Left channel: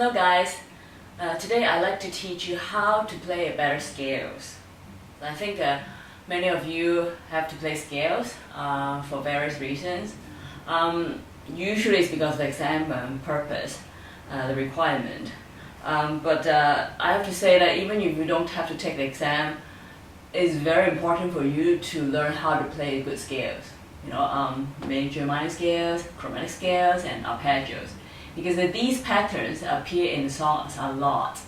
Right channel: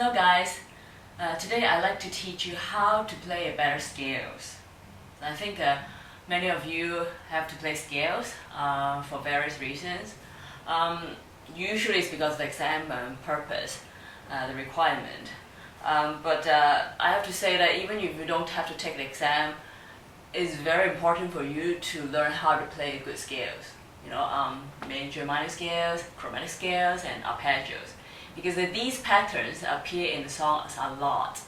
Hello guys, today I'd like to teach you how to play better scales. I think many of you have to play scales for various reasons. Usually it's because of the exam purpose, the requirement. But I have to say that even if you don't have to take the exam, it's very important for you to learn how to play good scales. Major, minor scales, chromatic scales, and arpeggios. Because these patterns appear in the songs a lot.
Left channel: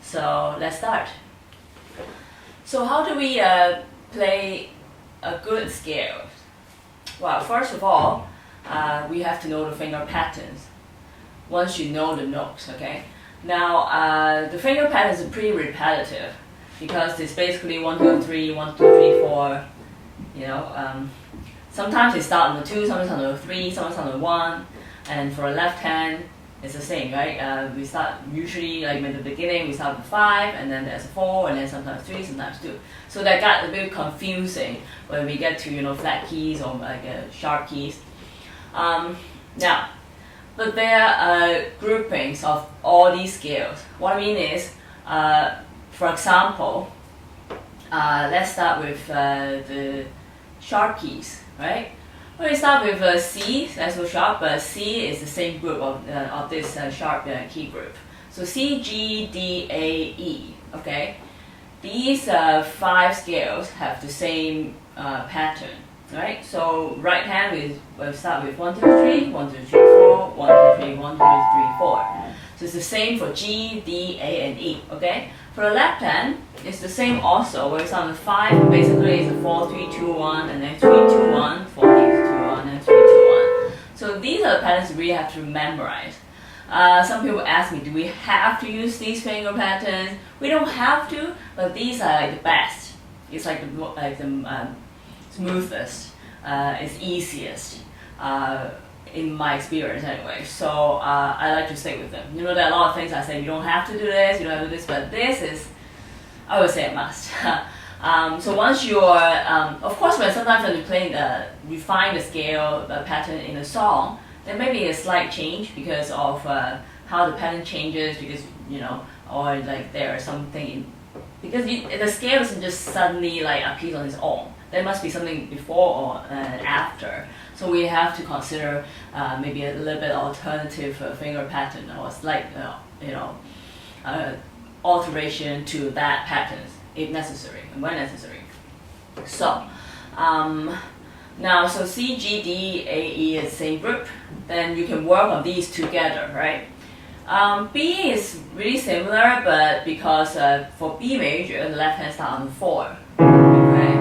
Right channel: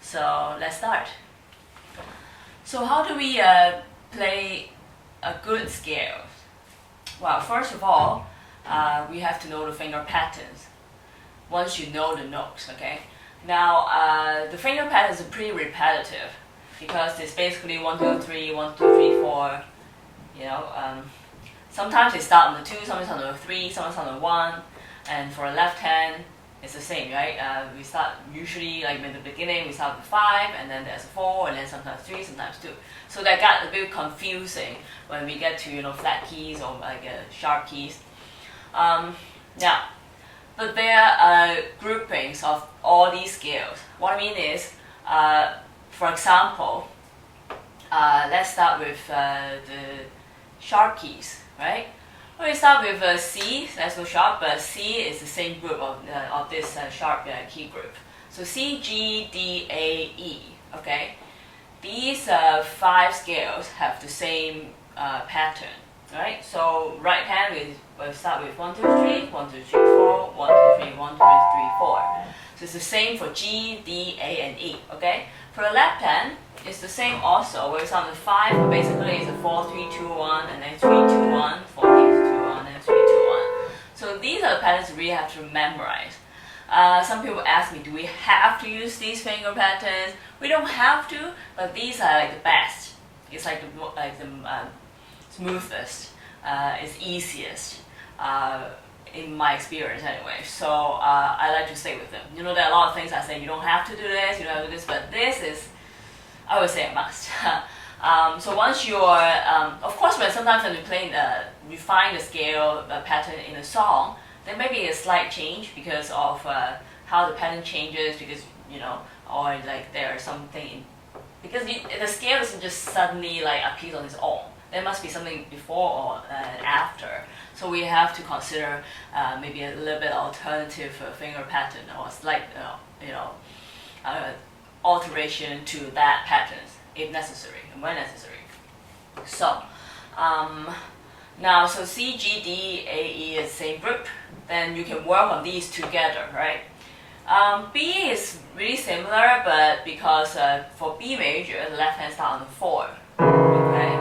So let's start. So how do we play a good scale? Well, first of all, we have to know the finger patterns. Once you know the notes, okay? Now, the finger patterns are pretty repetitive because it's basically 1, 2, 3, 1, 2, 3, 4. Sometimes they start on the 2, sometimes on the 3, sometimes on the 1. And for a left hand, it's the same, right? We start usually like in the beginning, we start with 5, and then there's a 4, and then sometimes 3, sometimes 2. So that got a bit confusing when we get to flat keys or like sharp keys. Now, but there are groupings of all these scales. What I mean is, for example, let's start with the sharp keys, right? We start with C, that's no sharp, but C is the same group of this sharp key group. So C, G, D, A, E, okay? These 5 scales have the same pattern, right? So right hand, we'll start with 1, 2, 3, 1, 2, 3, 4, 1, 2, 3, 1, 2, 3, 4. So it's the same for G, D, A, and E, okay? For the left hand, it's the same also, where it's on the 5, basically it's a 4, 3, 2, 1, and then 3, 2, 1, 4, 3, 2, 1, and 3, 2, 1. So these are the patterns you really have to memorize. Some people ask me, do we have to use these finger patterns? We don't have to, but these are like the best. It's like the smoothest, it's easiest, in my experience anyway. So I like to stick with them. There are a lot of things I say, you don't have to do this, you don't have to do this, but this is, I would say, a must. So once you're, of course, sometimes when you play, you find the scale, the pattern in a song, there may be a slight change because of how the pattern changes, because, or like there's something, because the scale doesn't just suddenly like appear on its own. There must be something before or after. So we have to consider maybe a little bit alternative finger pattern or slight, alteration to that pattern if necessary and when necessary. So now, so C, G, D, A, E is the same group. Then you can work on these together, right? B is really similar, but because for B major, the left hand starts on the 4. Okay.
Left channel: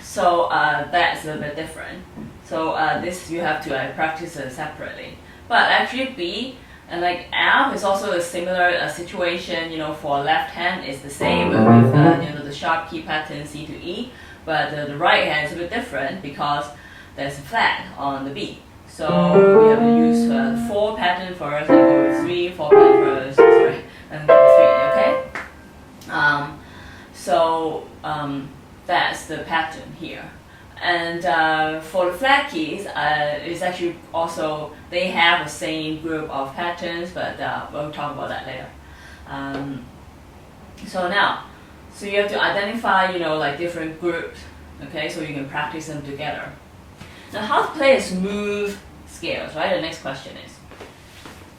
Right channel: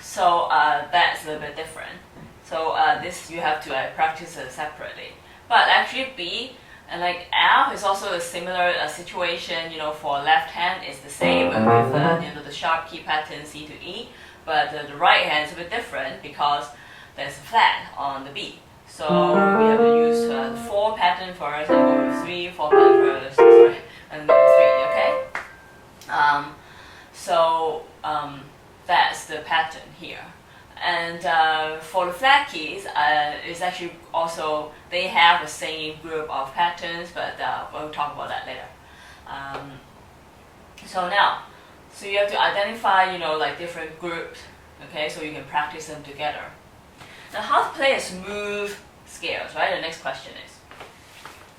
So that's a little bit different. So this you have to practice separately. But actually B and like F is also a similar situation. For left hand it's the same with the sharp key pattern C to E, but the right hand is a bit different because there's a flat on the B. So we have to use the 4 pattern first and go with 3, 4 pattern first, sorry, and go with 3. Okay. That's the pattern here. And for the flat keys, it's actually also, they have the same group of patterns, but we'll talk about that later. So you have to identify, like different groups, okay, so you can practice them together. Now, how to play a smooth scales, right? The next question is,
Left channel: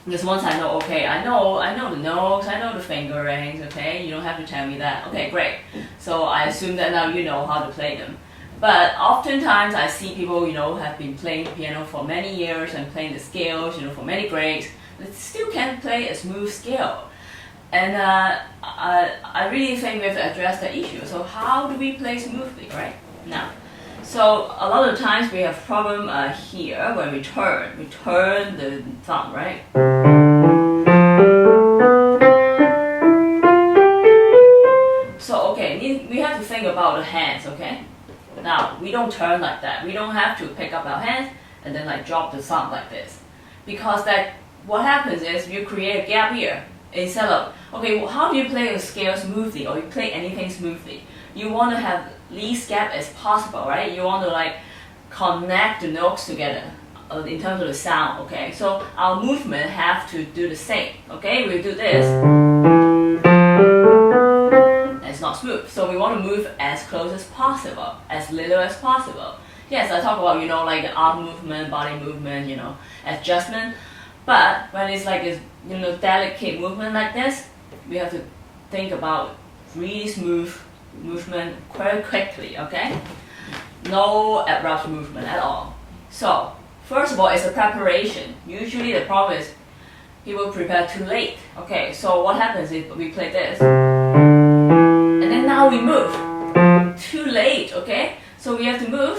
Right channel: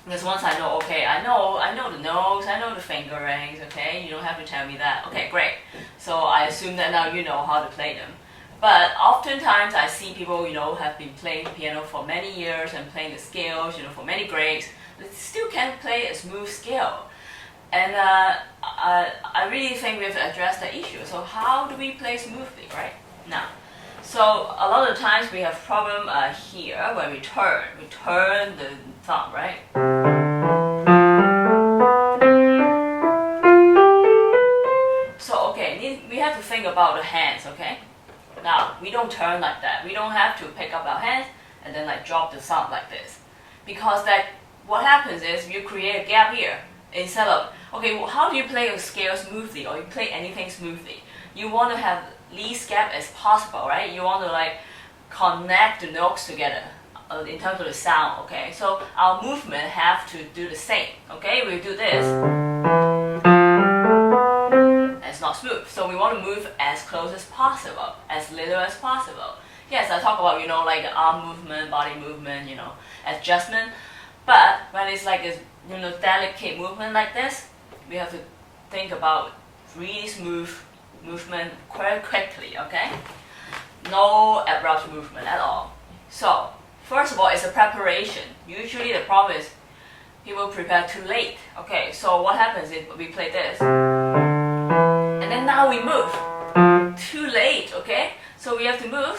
because once I know, okay, I know the notes, I know the fingerings, okay? You don't have to tell me that. Okay, great. So I assume that now you know how to play them. But oftentimes I see people, have been playing piano for many years and playing the scales, for many grades, but still can't play a smooth scale. And I really think we have to address that issue. So how do we play smoothly, right? Now, so a lot of times we have problem here when we turn the thumb, right? So okay, we have to think about the hands, okay? Now, we don't turn like that. We don't have to pick up our hands and then like drop the thumb like this. Because what happens is you create a gap here. Instead of, okay, well, how do you play a scale smoothly or you play anything smoothly? You want to have least gap as possible, right? You want to like connect the notes together. in terms of the sound, okay? So our movement have to do the same, okay? We do this. It's not smooth. So we want to move as close as possible, as little as possible. Yes, I talk about, like the arm movement, body movement, adjustment. But when it's like this, delicate movement like this, we have to think about really smooth movement quite quickly, okay? No abrupt movement at all. So, first of all, it's a preparation. Usually the problem is people prepare too late. Okay, so what happens if we play this? And then now we move. Too late, okay? So we have to move.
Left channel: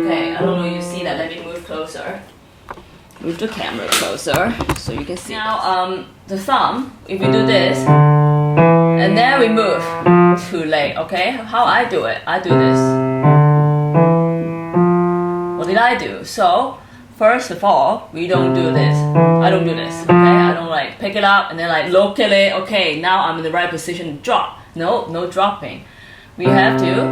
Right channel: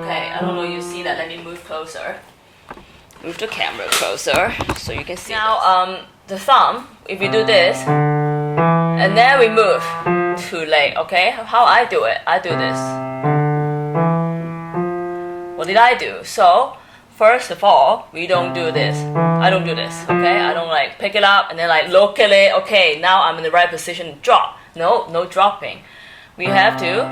Okay, I don't know if you see that. Let me move closer. Move the camera closer so you can see. Now, the thumb, if you do this, and then we move. Too late, okay? How I do it? I do this. What did I do? So, first of all, we don't do this. I don't do this, okay? I don't like pick it up and then like look at it. Okay, now I'm in the right position to drop. No dropping. We have to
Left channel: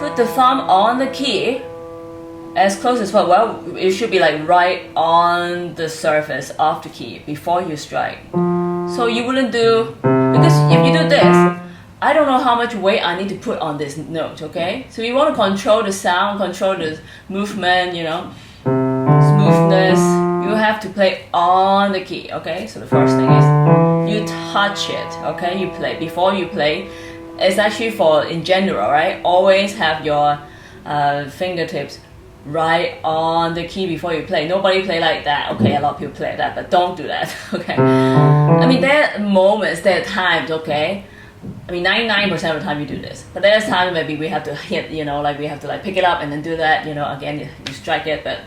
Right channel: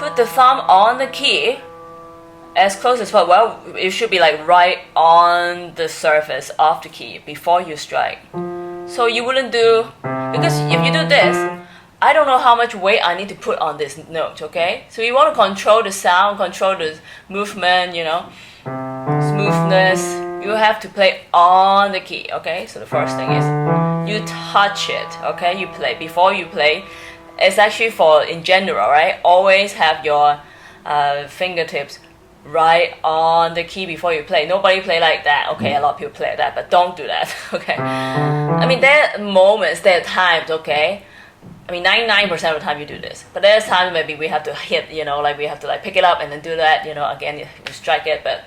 put the thumb on the key as close as possible. Well, it should be like right on the surface of the key before you strike. So you wouldn't do, because if you do this, I don't know how much weight I need to put on this note, okay? So you want to control the sound, control the movement, smoothness. You have to play on the key, okay? So the first thing is you touch it, okay? You play. Before you play, it's actually in general, right? Always have your fingertips right on the key before you play. Nobody play like that. Okay, a lot of people play that, but don't do that, okay? I mean, there are moments, there are times, okay? I mean, 99% of the time you do this. But there's times maybe we have to hit, like we have to like pick it up and then do that, again, you strike it, but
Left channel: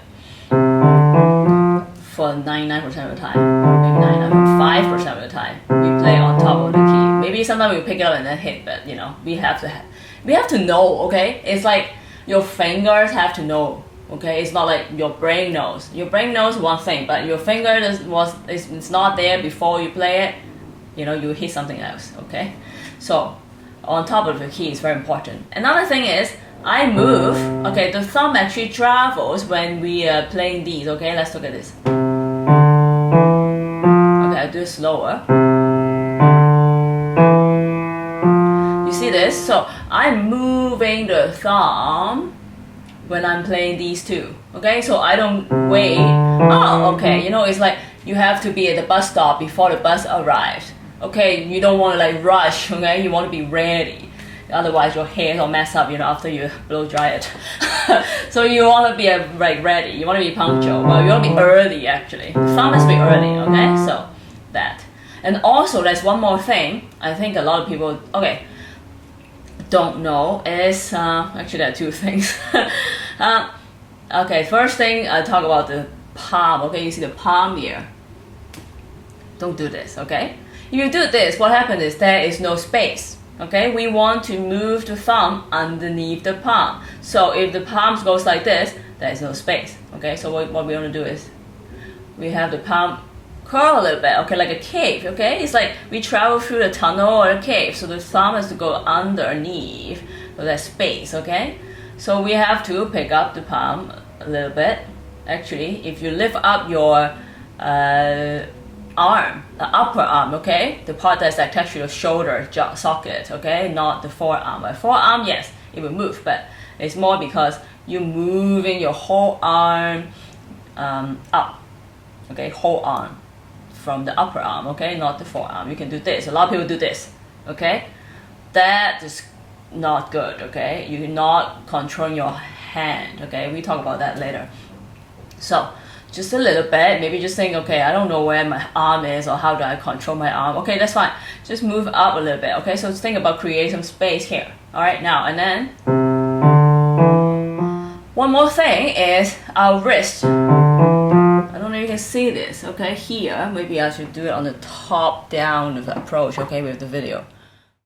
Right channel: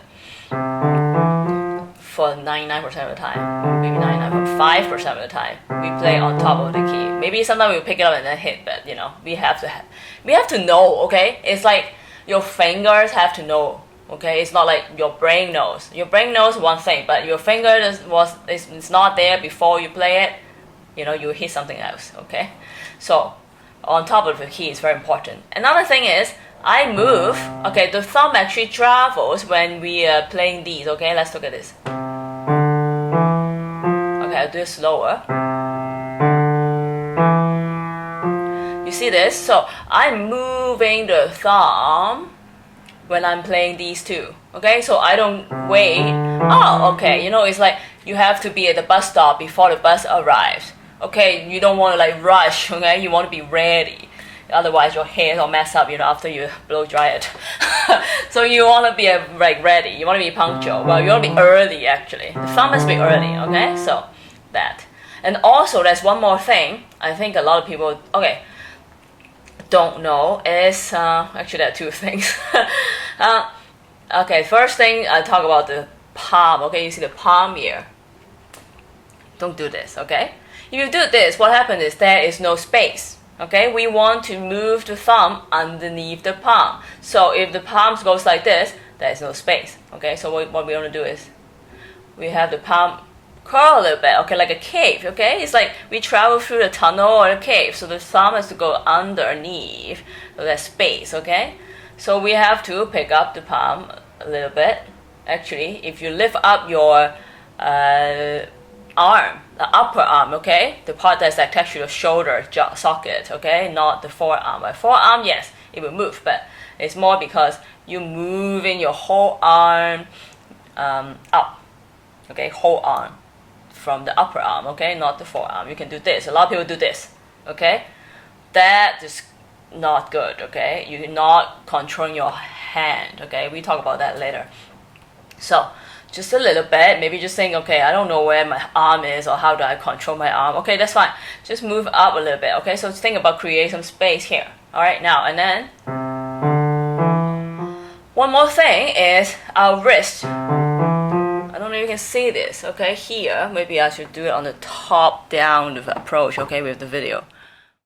for 99% of the time, maybe 99.5% of the time, we play on top of the key. Maybe sometimes we pick it up and then hit, but we have to know, okay? It's like your fingers have to know, okay? It's not like your brain knows. Your brain knows one thing, but your finger it's not there before you play it. You hit something else, okay? So, on top of the key is very important. Another thing is, I move, okay, the thumb actually travels when we are playing these, okay? Let's look at this. Okay, I'll do it slower. You see this? So, I'm moving the thumb when I'm playing these two, okay? So I don't wait. Oh, okay, it's like you have to be at the bus stop before the bus arrives. Okay, you don't want to like rush, okay? You want to be ready. Otherwise your hair will mess up, after you blow dry it. So you want to be like ready. You want to be punctual. Well, you want to be early actually. Thumb must be early, okay? So that. And also there's one more thing. I think a lot of people, don't know is, actually there are two things. Okay, first thing I talk about the palm, okay? You see the palm here. Don't do this, okay? If you do this, what happens is there is no space, okay? We want to move the thumb underneath the palm. So if the palm goes like this, there is no space, okay? So what we want to do is we have the palm curl a little bit, okay, like a cave, okay? It's like we travel through the tunnel or a cave, so the thumb has to go underneath, so there's space, okay? So we have to pick up the palm a little bit. Actually, if you lift up your arm, the upper arm, okay? The part that's attached to the shoulder socket, okay? Not the forearm. My forearm, yes, it will move, but it's more because you moving your whole arm up, okay? Whole arm from the upper arm, okay? Not the forearm. You can do this. A lot of people do this, okay? That is not good, okay? You're not controlling your hand, okay? We talk about that later. So, just a little bit, maybe just think, okay, I don't know where my arm is or how do I control my arm. Okay, that's fine. Just move up a little bit, okay? So think about create some space here. All right, now, and then one more thing is our wrist. I don't know if you can see this, okay? Here, maybe I should do it on the top-down approach, okay, with the video.